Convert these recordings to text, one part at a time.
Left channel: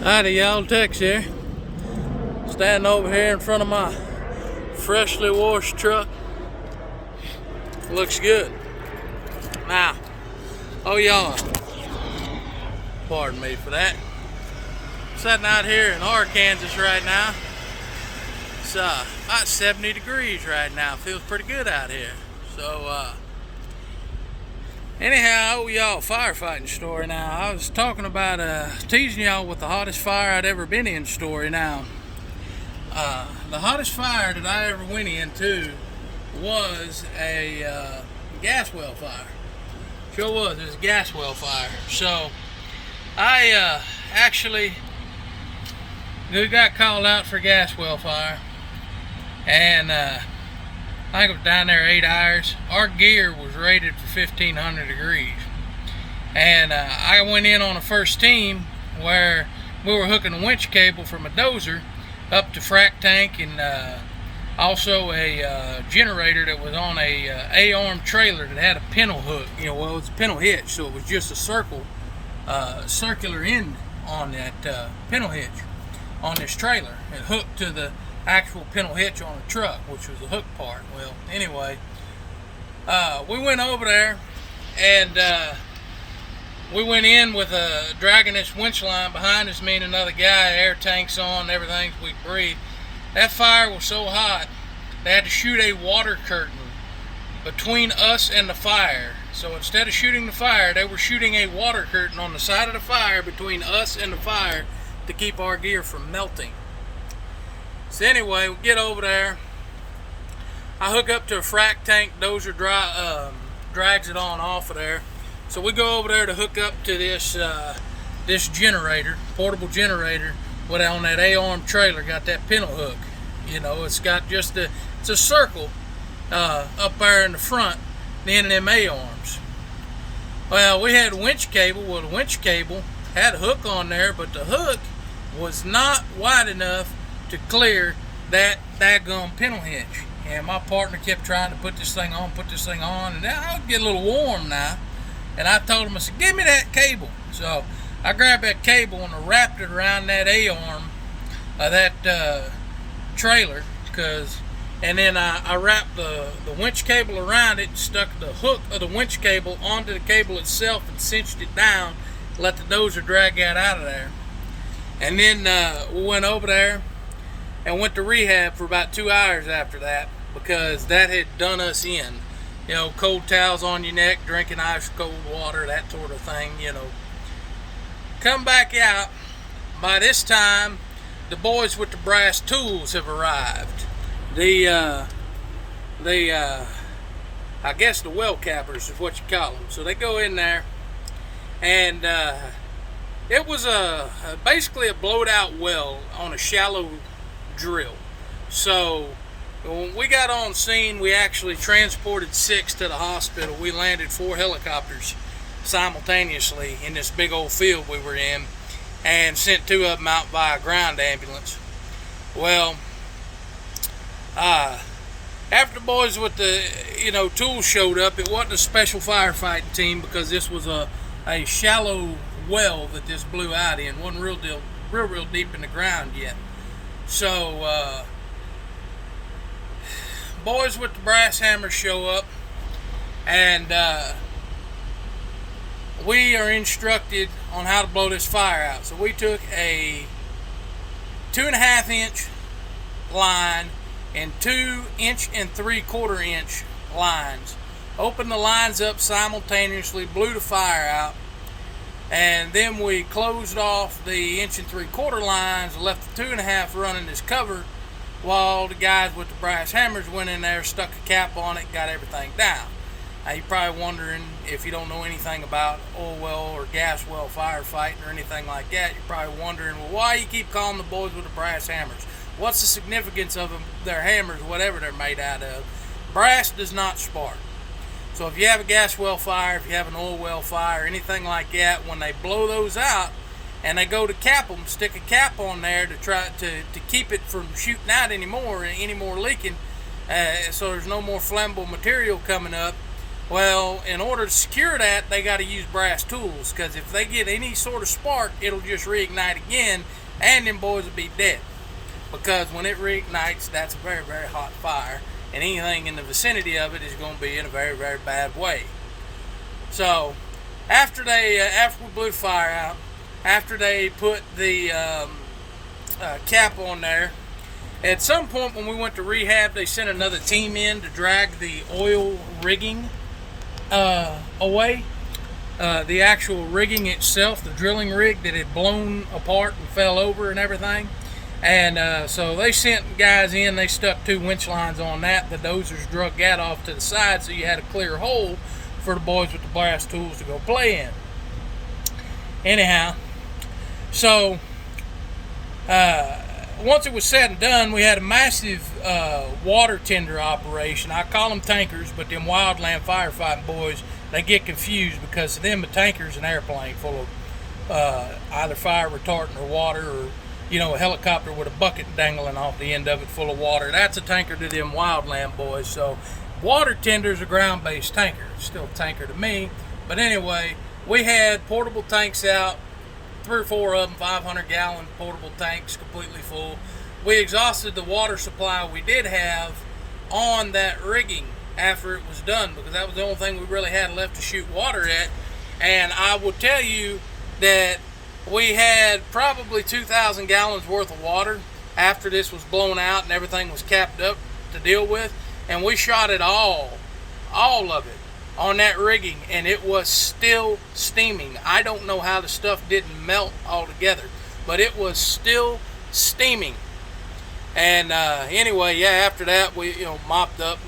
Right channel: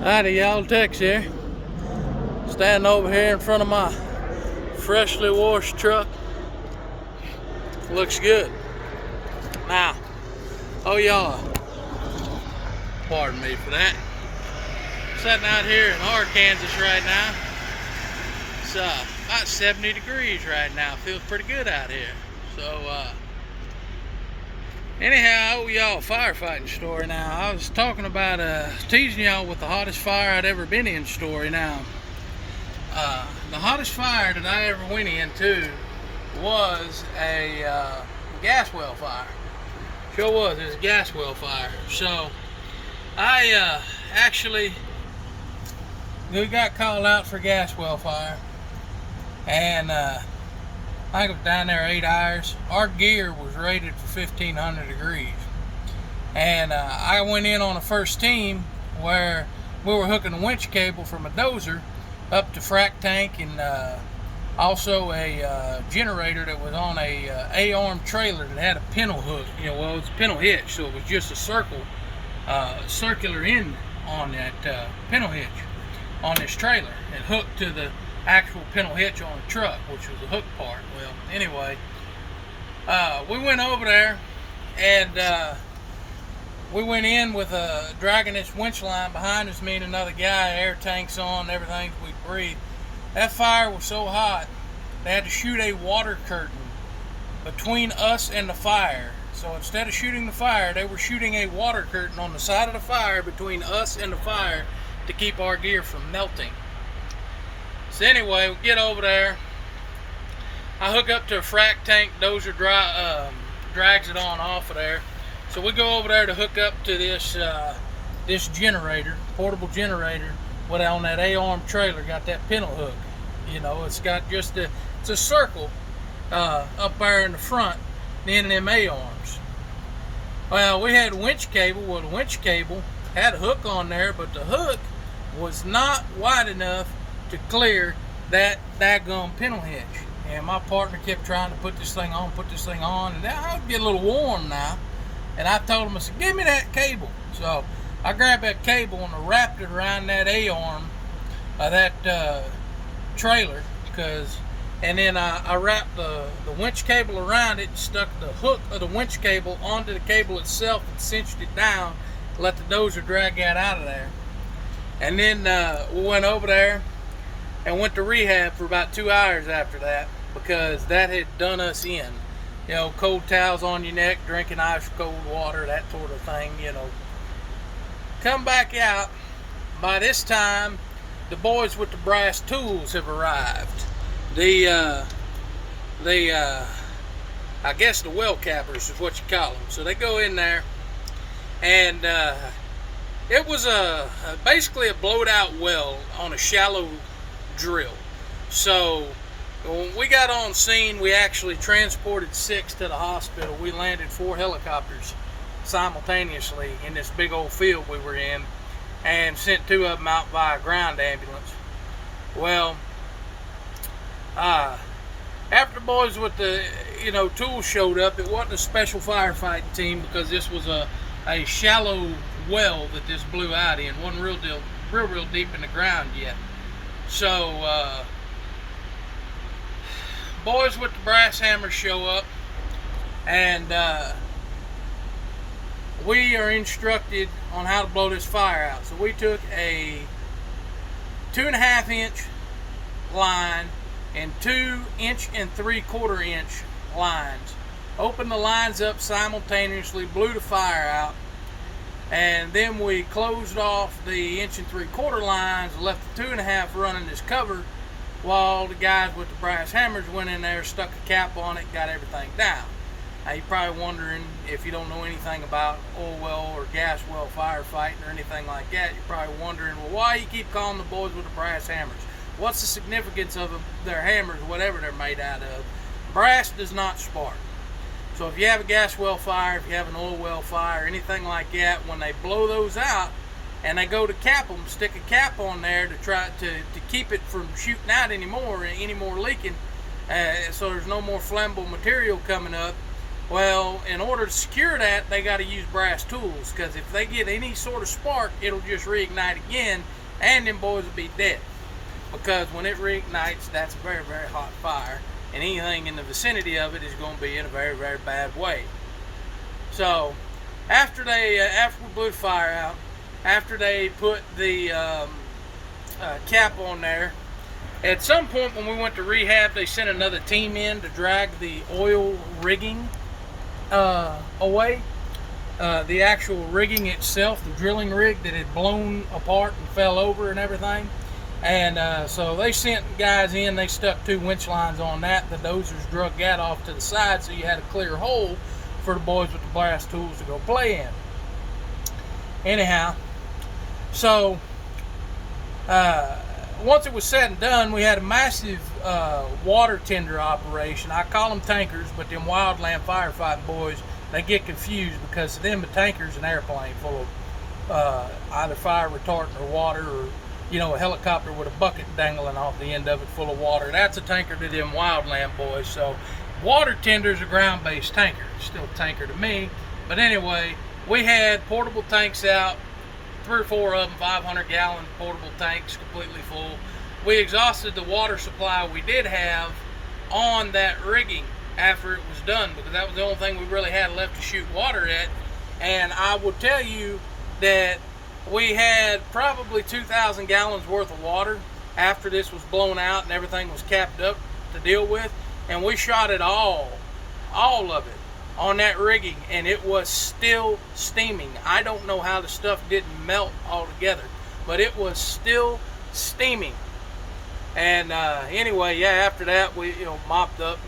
Howdy y'all, Tex here. Standing over here in front of my freshly washed truck. Looks good. Now, oh y'all, pardon me for that. Sitting out here in Arkansas right now. It's about 70 degrees right now. Feels pretty good out here. So anyhow, y'all, firefighting story now. I was talking about teasing y'all with the hottest fire I'd ever been in story now. The hottest fire that I ever went into was a gas well fire. Sure was, it was a gas well fire. So I actually got called out for gas well fire, and I think I was down there 8 hours. Our gear was rated for 1500 degrees, and I went in on the first team where we were hooking a winch cable from a dozer up to frac tank, and also a generator that was on a A-arm trailer that had a pintle hook. Well, it was a pintle hitch, so it was just a circular end on that pintle hitch on this trailer. It hooked to the actual pintle hitch on the truck, which was the hook part. Well, anyway, we went over there, and we went in with dragging this winch line behind us, me and another guy, air tanks on, everything we breathe. That fire was so hot, they had to shoot a water curtain between us and the fire. So instead of shooting the fire, they were shooting a water curtain on the side of the fire between us and the fire to keep our gear from melting. So anyway, we get over there. I hook up to a frac tank. Dozer drags it on off of there. So we go over there to hook up to this this generator, portable generator, with on that A-arm trailer. Got that pintle hook. It's got just it's a circle up there in the front, the end of them A-arms. Well, we had a winch cable. Well, the winch cable had a hook on there, but the hook was not wide enough to clear that daggum pintle hitch. And my partner kept trying to put this thing on, and I'll get a little warm now. And I told him, I said, give me that cable. So I grabbed that cable and I wrapped it around that A-arm of that trailer, and then I wrapped the winch cable around it and stuck the hook of the winch cable onto the cable itself and cinched it down, let the dozer drag that out of there. And then we went over there and went to rehab for about 2 hours after that, because that had done us in. Cold towels on your neck, drinking ice cold water, that sort of thing, Come back out. By this time, the boys with the brass tools have arrived. I guess the well cappers is what you call them. So they go in there, and it was basically a blowed out well on a shallow drill. So when we got on scene, we actually transported 6 to the hospital. We landed 4 helicopters simultaneously in this big old field we were in, and sent 2 of them out via ground ambulance. Well, after the boys with the tools showed up, it wasn't a special firefighting team, because this was a shallow well that this blew out in. Wasn't real deep in the ground yet. So boys with the brass hammers show up, and we are instructed on how to blow this fire out. So we took a 2.5 inch line and 2 inch and 3/4 inch lines, opened the lines up simultaneously, blew the fire out, and then we closed off the 1 and 3/4 lines, left the 2.5 running as cover, while the guys with the brass hammers went in there, stuck a cap on it, got everything down. Now you're probably wondering, if you don't know anything about oil well or gas well firefighting or anything like that, you're probably wondering, well, why you keep calling the boys with the brass hammers? What's the significance of their hammers, whatever they're made out of? Brass does not spark. So if you have a gas well fire, if you have an oil well fire, anything like that, when they blow those out and they go to cap them, stick a cap on there to try to keep it from shooting out any more leaking, so there's no more flammable material coming up, Well, in order to secure that, they got to use brass tools, because if they get any sort of spark, it'll just reignite again, and them boys will be dead. Because when it reignites, that's a very, very hot fire, and anything in the vicinity of it is going to be in a very, very bad way. So, after we blew the fire out, after they put the cap on there, at some point when we went to rehab, they sent another team in to drag the oil rigging away. The actual rigging itself, the drilling rig that had blown apart and fell over and everything. And so they sent guys in, they stuck 2 winch lines on that. The dozers drug that off to the side so you had a clear hole for the boys with the brass tools to go play in. Anyhow, so once it was said and done, we had a massive water tender operation. I call them tankers, but them wildland firefighting boys, they get confused because to them a tanker's an airplane full of either fire retardant or water, or a helicopter with a bucket dangling off the end of it full of water. That's a tanker to them wildland boys. So water tender's a ground-based tanker. It's still a tanker to me. But anyway, we had portable tanks out, 3 or 4 of them, 500-gallon portable tanks, completely full. We exhausted the water supply we did have on that rigging after it was done, because that was the only thing we really had left to shoot water at. And I will tell you that we had probably 2,000 gallons worth of water after this was blown out and everything was capped up to deal with, and we shot it all of it on that rigging, and it was still steaming. I don't know how the stuff didn't melt altogether, but it was still steaming. And anyway, yeah, after that we mopped up,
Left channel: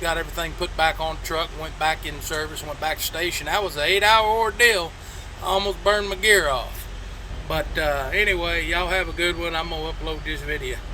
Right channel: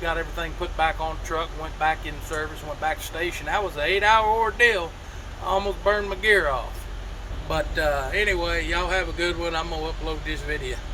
got everything put back on the truck, went back in service, went back to station. That was an 8-hour ordeal. I almost burned my gear off. But anyway, y'all have a good one. I'm gonna upload this video.